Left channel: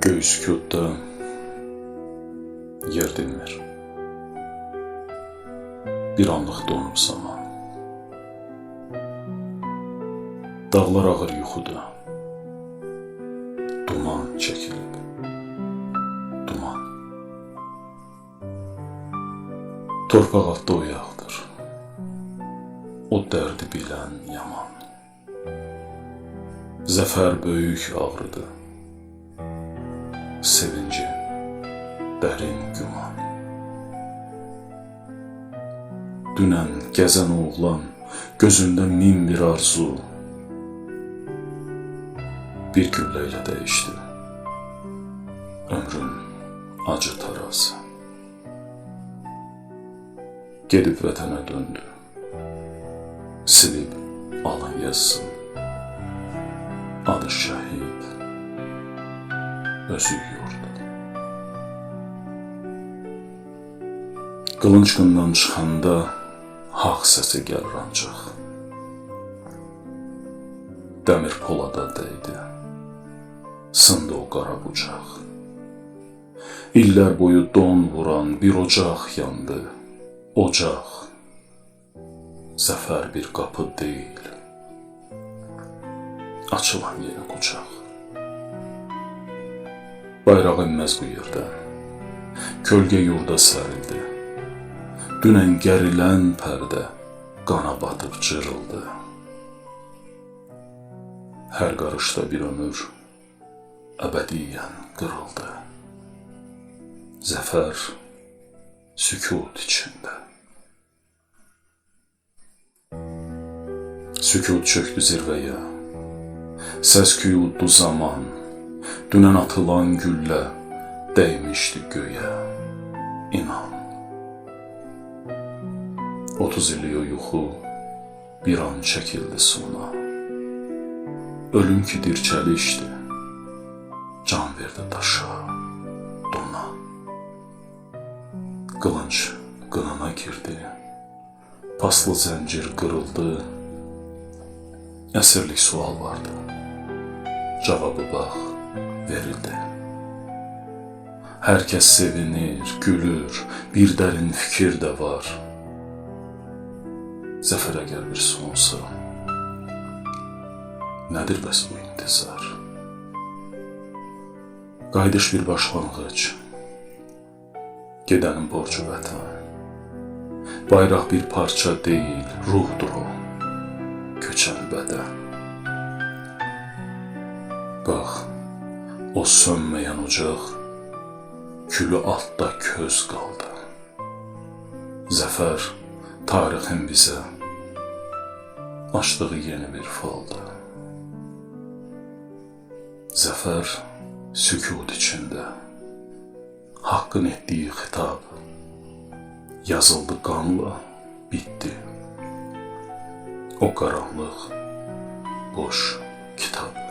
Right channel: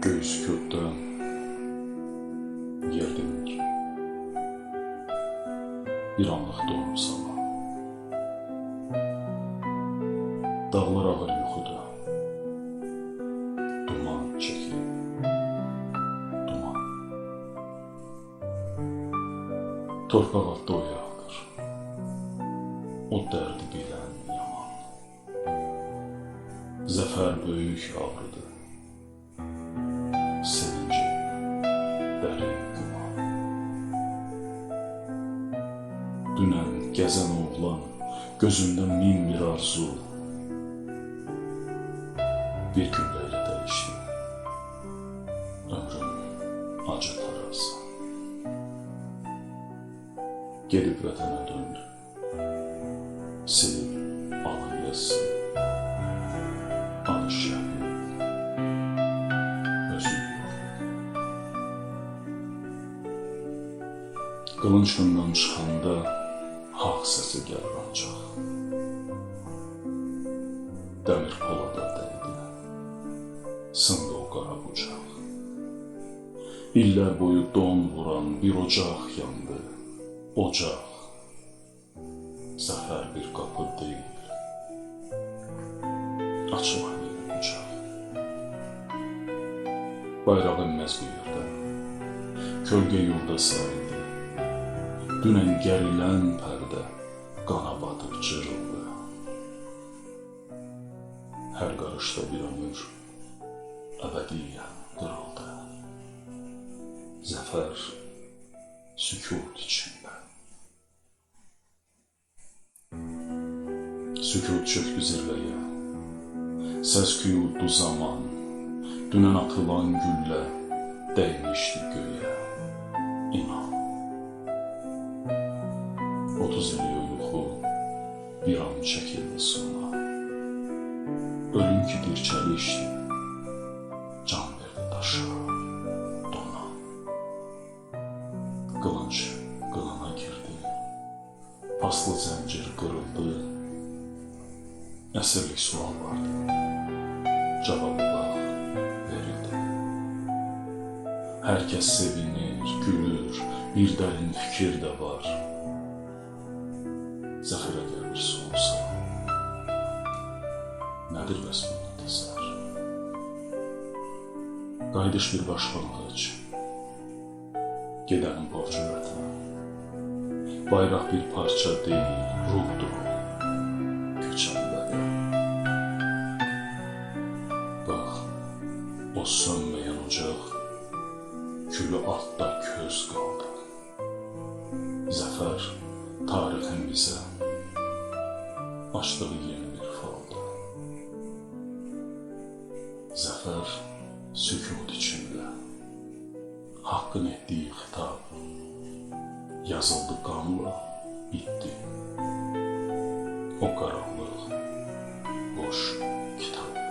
Göy sükutda yer dinmir. Bir anlıq donub zaman. Dağlar ağır yuxuda. Duman çəkilib. Duman. Torpaq altda oyaqdır. O dərdi bilən yaman. Zəfər böyük ağrıdır. Sevinci dərin güman. Dünən gəzən oğlan gözündə min bir arzu bir güllə ilə dəyişdi. Ömrün acı tarazı. Gedib vətənə döndü. Silib alın yazsın. Adı şəhid. Özü yurdu. Qılınc qından çıxanda haqq səsi gəlir ancaq. Dəmir polada dəydi. Sındı o qara bucaq. İllər boyu don vuran bir ocaq yandı. Ocaq. Zəfər bir qapı deyil. Açılan yeni qucaq. Bayraq inməz bu yerdən. Kölgə yurda sərildi. Dünən gərilən pərdə qana batıb cırıldı. Hər qarışda bir ömür əbədiyyən qırıldı. Zəfər sükut içində. Sükut çöktü zirvəyə. Səs-küy uddu zaman. Dünən atılan güllə dəymişdi göyə. İnan. 30 illik o yuxu bir an çəkildi sona. Ölüm ki dirçəlişdi. Can verdi daşa, dona. Qılınc qınına girdi. Paslı zəncir qırıldı. Əsirlik sual vardı. Cavabı bax, verildi. Hər kəs sevinir, gülür, bir dərin fikir də var. Zəfərə gəl bir sonsa, nədir bəs bu intizar? Qayıdış bir başlanğıc, gedənin borcu vətən. Bayraq bir parça deyil, ruhdur o, köçən bədən. Bax, o sönməyən ocaq, külü altda köz qaldı. Zəfər tarixin bizə açdığı yeni bir faldı. Zəfər sükut içində, haqqın etdiyi xitab yazıldı qanla, bitdi. O qaranlıq, boş kitab.